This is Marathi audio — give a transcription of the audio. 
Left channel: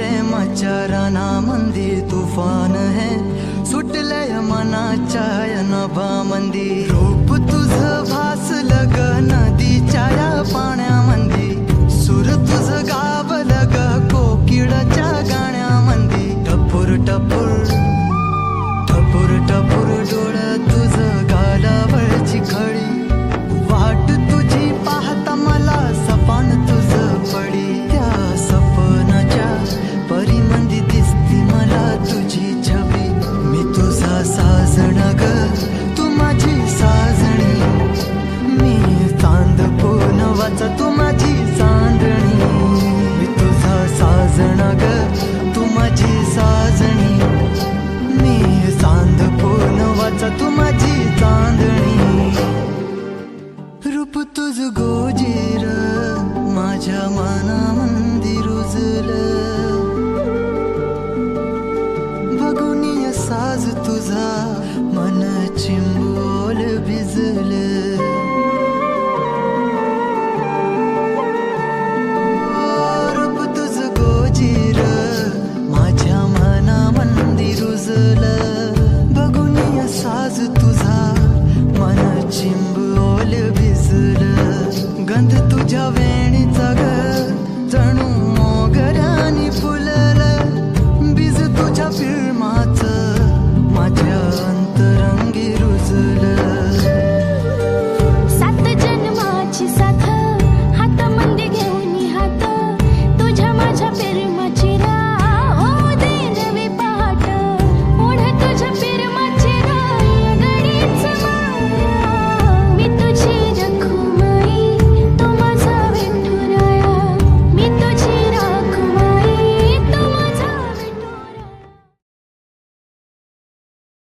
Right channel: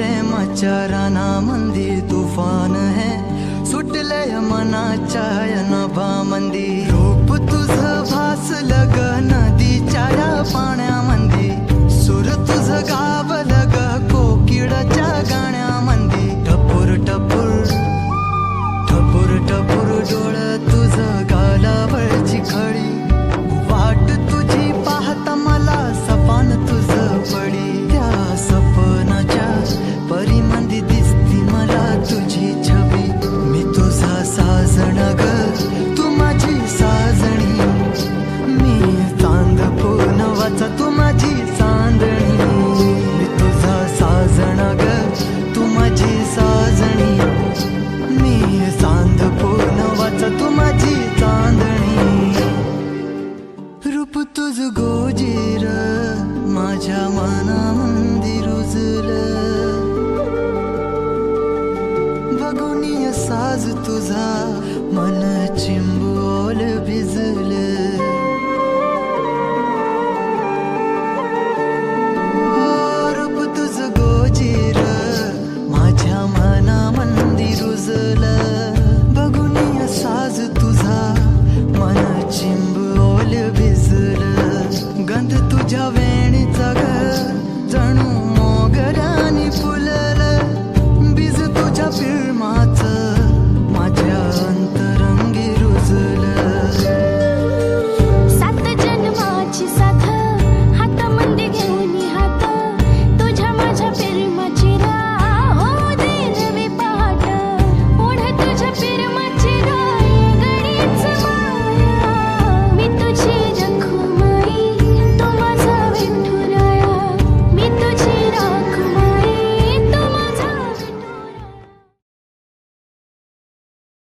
प्रेमाच्या रानामंदी तुफान है सुटलय मनाच्या नभामंदी रूप तुझं भासलं ग नदीच्या या पाण्यामंदी सूर तुझं गावलं ग कोकिळाच्या गाण्यामंदी टपूर टपूर टपूर टपूर डोळं तुझं गालावरची खडी वाट तुझी पाहता मला सपान तुझं पडी त्या सपनाच्या परीमंदी दिसती मला तुझी छबी मी तुझा साजण ग तू माझी साजणी मी चांद पूनवाचा तू माझी चांदणी मी तुझा साजण ग तू माझी साजणी मी चांद पूनवाचा तू माझी चांदणी रूप तुझ गोजीर माझ्या मनामंदी रुजलं बघुनिय साज तुझा मन चिंबोल भिजलं रूप तुझ गोजीर माझ्या मनामंदी रुजलं बघुनिय साज तुझा मन चिंबोल भिजलं गंध तुझ्या वेणीचा